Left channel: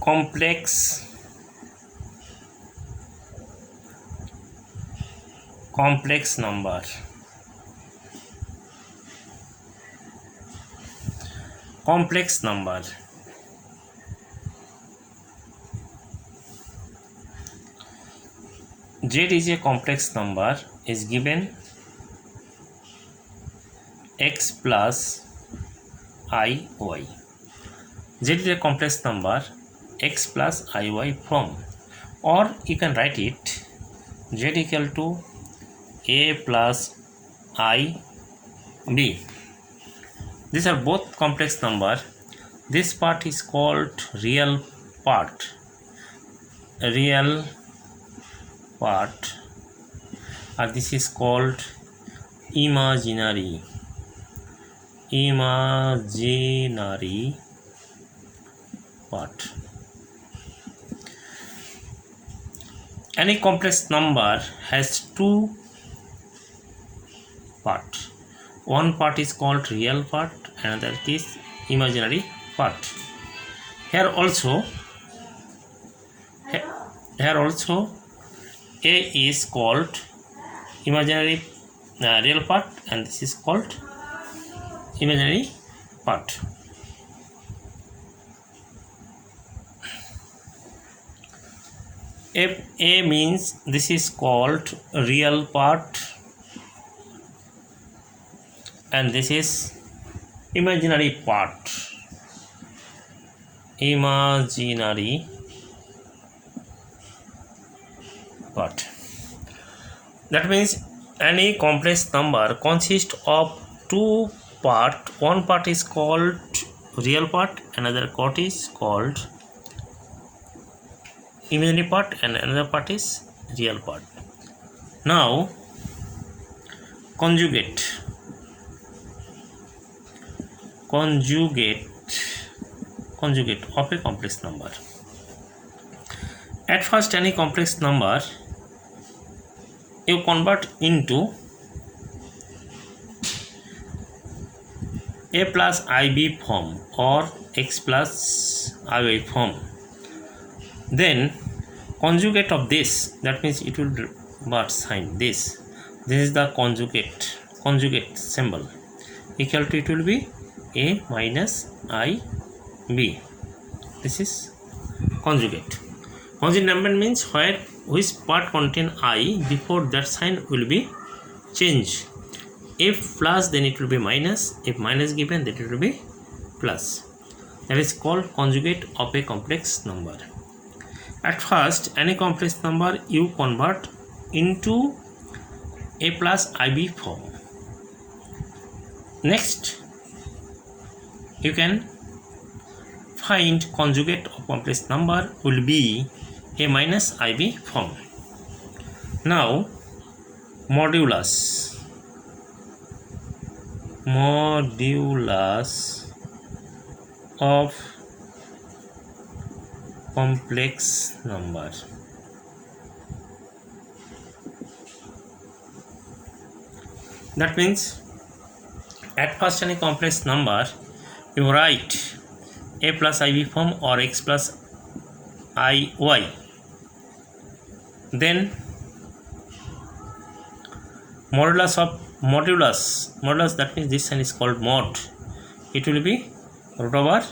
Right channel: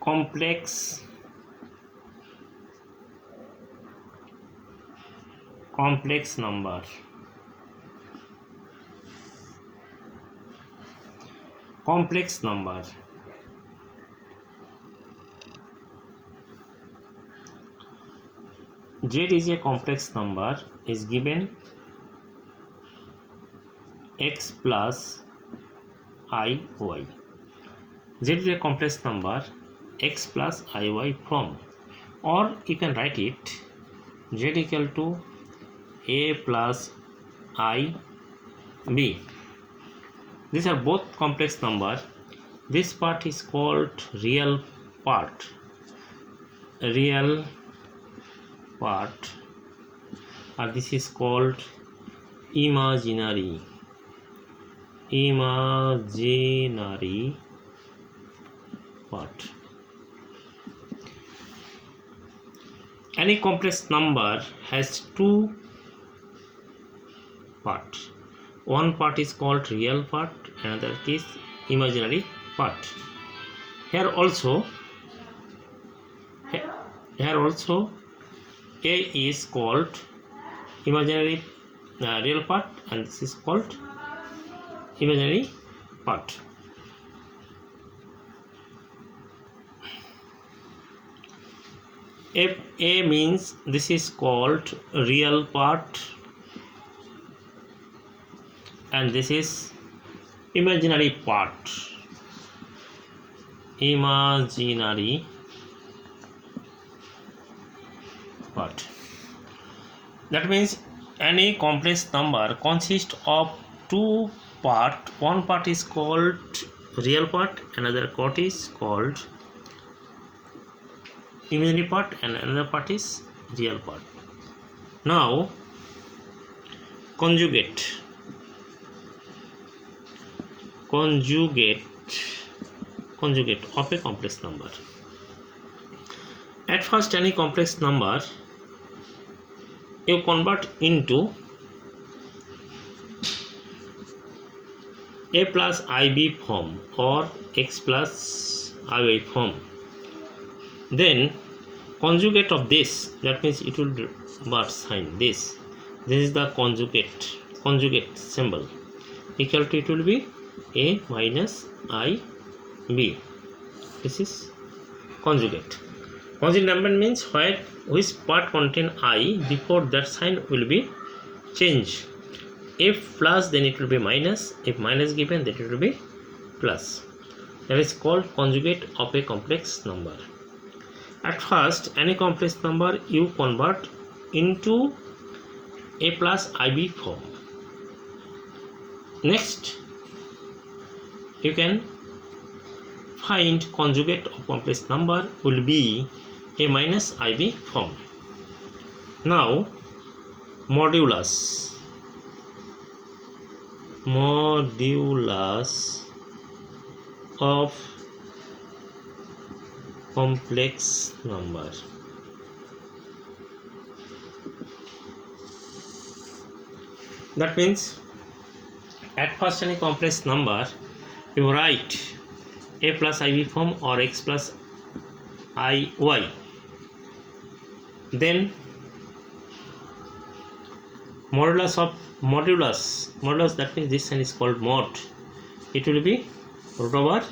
complex number. Complex number. Z is a complex number is given x plus I y. Z is a complex number x plus I y from, or you can write it z equal to a plus I b. These are both complex number. This part is called real part. Real part, and this is called imaginary part. Any complex number has two parts. One part is called real part, another is imaginary part. Here also a is called imaginary real part, and this is called imaginary part. If a means this is called real part and this is imaginary part. Imaginary part. That means any complex number consists of two parts. One part is called real part, another part is called imaginary part, and another part is real part. Now conjugate of a complex number. At first, any complex number you convert into a plus ib form or x plus iy form. Then conjugate of this, that means it will revert sign. This is the conjugate symbol, equal to, it will be a minus I b. This is conjugate. Conjugate number means which part contain I, before that sign will be changed. If plus, then it will be minus. If minus given, then it will be plus. That is called conjugate of a complex number. At first, any complex number you convert into a plus ib form. Next, you can find conjugate of complex number will be a minus ib form. Now modulus of complex number. That means at first any complex number you write a plus ib form or x plus iy. Then modulus, that means this sign is called mod. It will be root over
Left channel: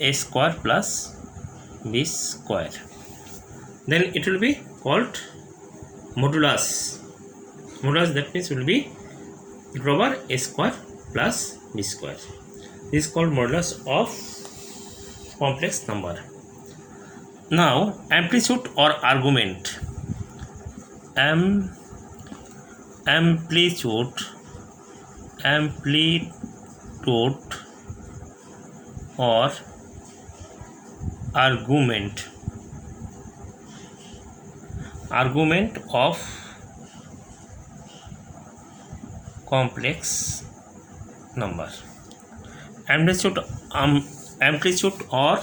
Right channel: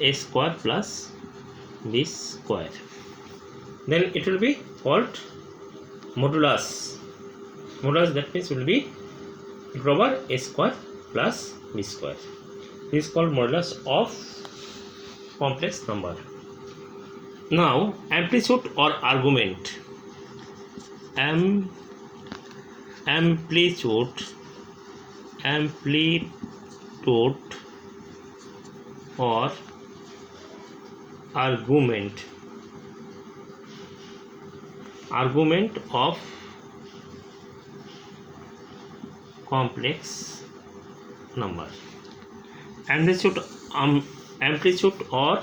a square plus b square. Then it will be called modulus, that means will be root over a square plus b square. This is called modulus of complex number. Now amplitude or argument. Amplitude or argument of complex number. Amplitude or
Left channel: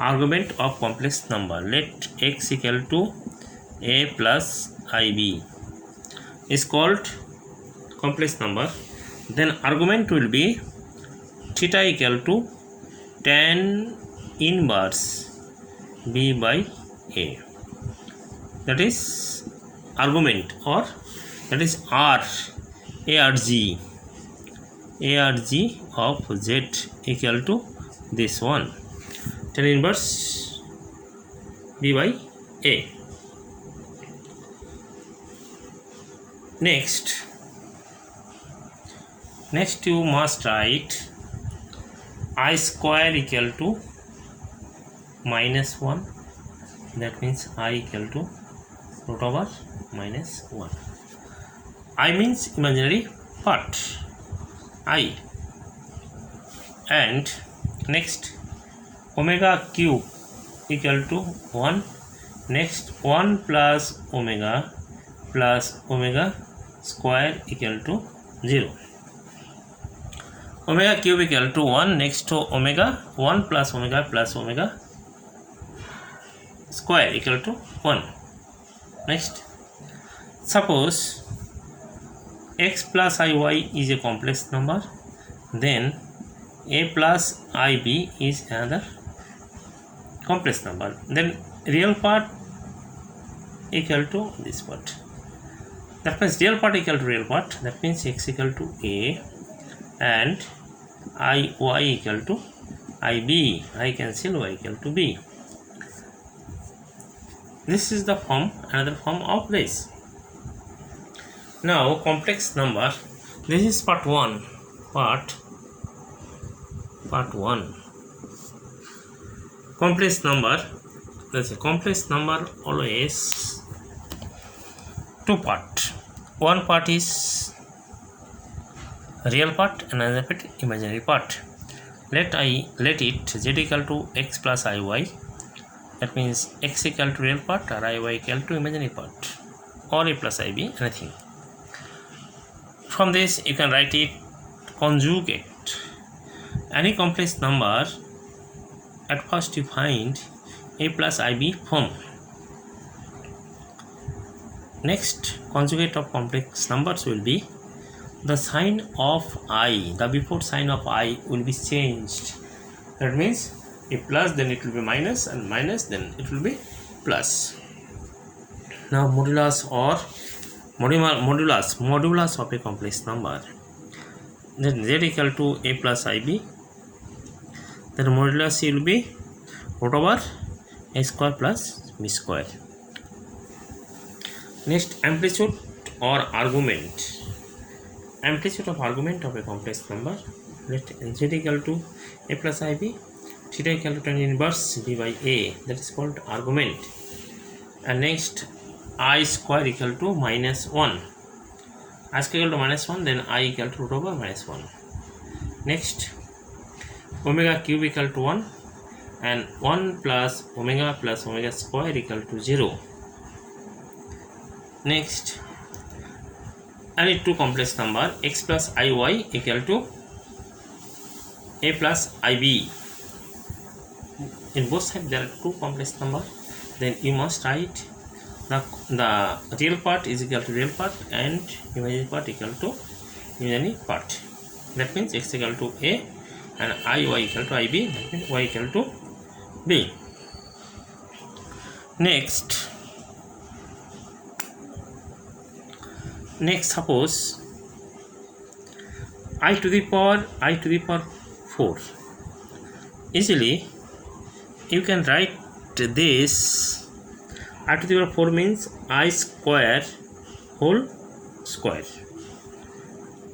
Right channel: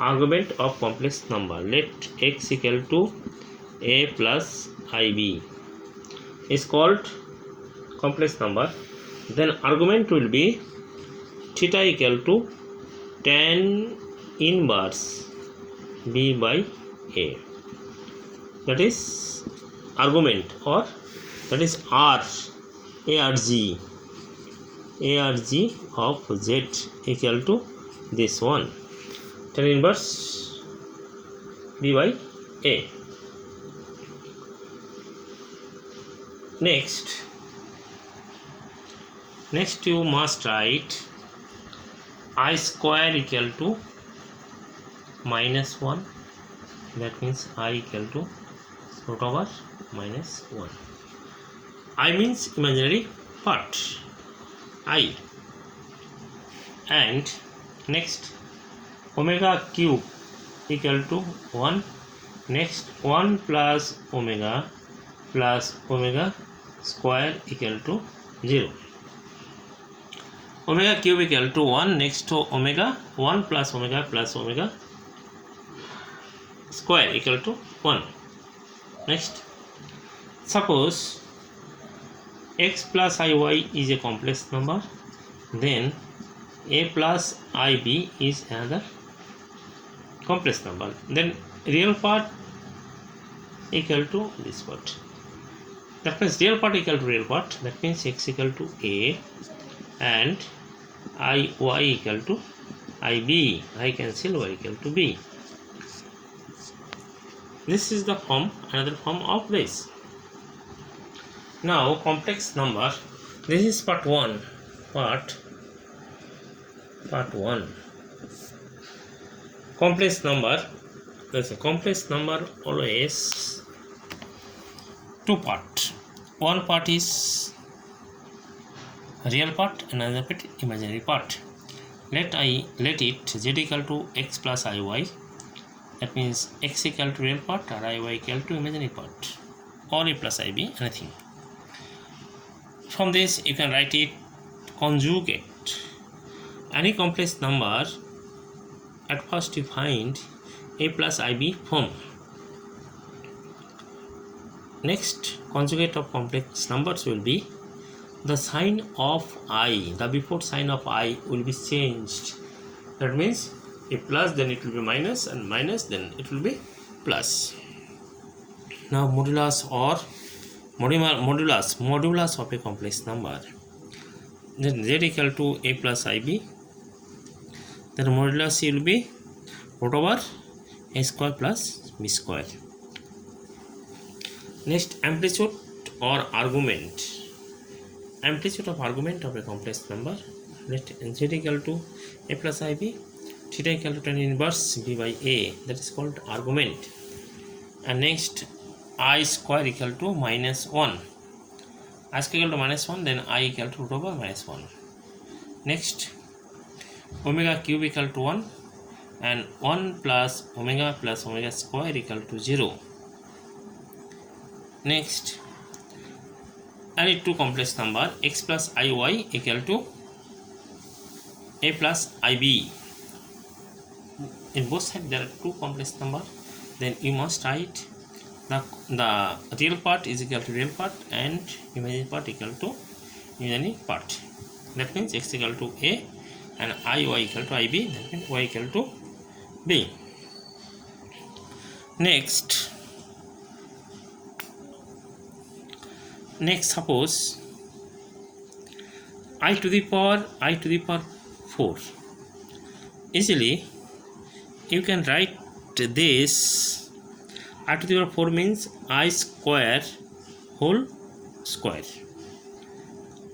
argument of complex number. Let x equal to a plus ib is called complex number. Then argument will be theta equal to tan inverse B by A. That is argument, or that is R, ARG of Z equal to this one, tan inverse B by A. Next you must write I square equal to minus 1. That means I equal to root over minus 1. I means imaginary part, I. And next omega cube equal to 1. Next 1 plus omega square equal to 0. Omega cube equal to 1. Next to omega 1 plus omega square equal to 1. Next, suppose x plus iy is a complex number, then a plus ib is another complex number, then real part equal to this part. That means real part equal to real part. That means x equal to a and iy equal to ib. I cancel y equal to b. This is the form, another form of this. Now complex number. This is part 1. Part 1. Complex number. That's a complex number always two part. One part is real part, another part imaginary part. Let it z equal to x plus iy. That means x equal to real part or iy equal to imaginary part, or a plus ib, anything. From this you can write it conjugate. Any complex number, at first you find a plus ib form. Next, conjugate of complex numbers will be the sign of I, the before sign of I will be changed. That means if plus, then it will be minus, and minus, then it will be plus. Now modulus or modulus of a complex number. Then z equal to a plus ib. Then modulus will be root over a square plus b square. Next, amplitude or argument. Amplitude of argument of a complex number. Let z equal to a plus ib, theta equal to tan inverse b by a. That is called argument. And next, I square equal to minus 1. I square equal to minus 1, then I equal to root over minus 1. Next, omega cube equal to 1, and 1 plus omega square equal to 0. Next, any two complex number, x plus iy equal to a plus ib. In both sides there are two complex number. Then you must write the real part is equal to real part and imaginary part equal to imaginary part. That means x equal to a and iy equal to ib. That means y equal to b. Next, suppose I to the power 4. Easily you can write this. I to the power 4 means I square whole square.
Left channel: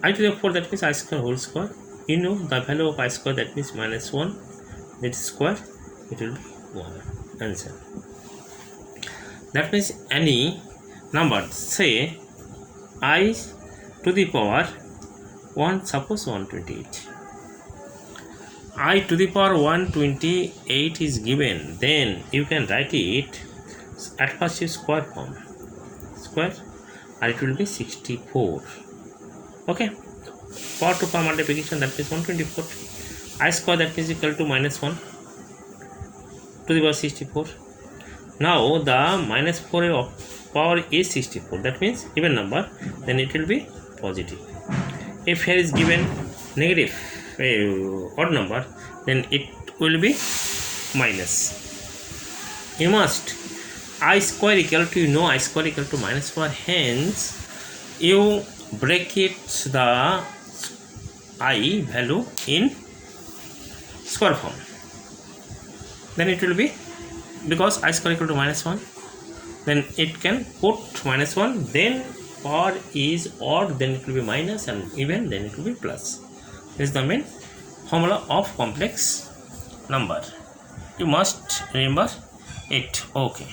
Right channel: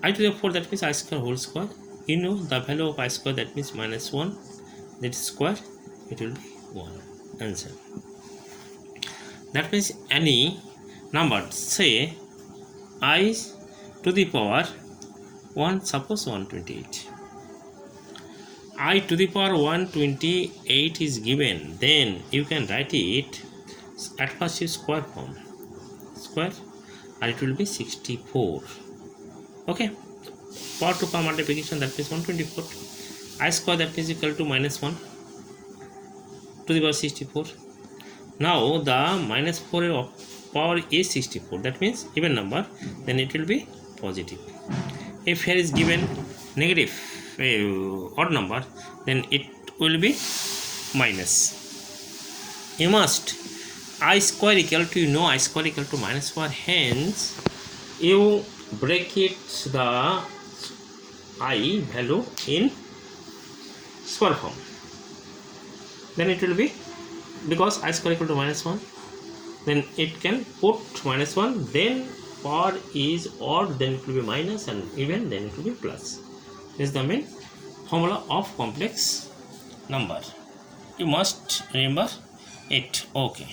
I to the power 4, that means I square whole square. You know the value of I square, that means minus 1. That is square, it will be 1. Answer. That means any number, say I to the power 1, suppose 128. I to the power 128 is given, then you can write it at first is square form, square, and it will be 64. Okay, power to power multiplication, that means 124. I square, that means equal to minus 1 to the power 64. Now the minus 4 of power is 64, that means even number, then it will be positive. If here is given negative odd number, then it will be minus. you must I square equal to, you know, I square equal to -4, hence you bracket the I value in square form, then it will be, because I square equal to -1, then it can put -1, then or is odd, then it will be minus, and even, then it will be plus. This is the main formula of complex number. You must remember it. Okay.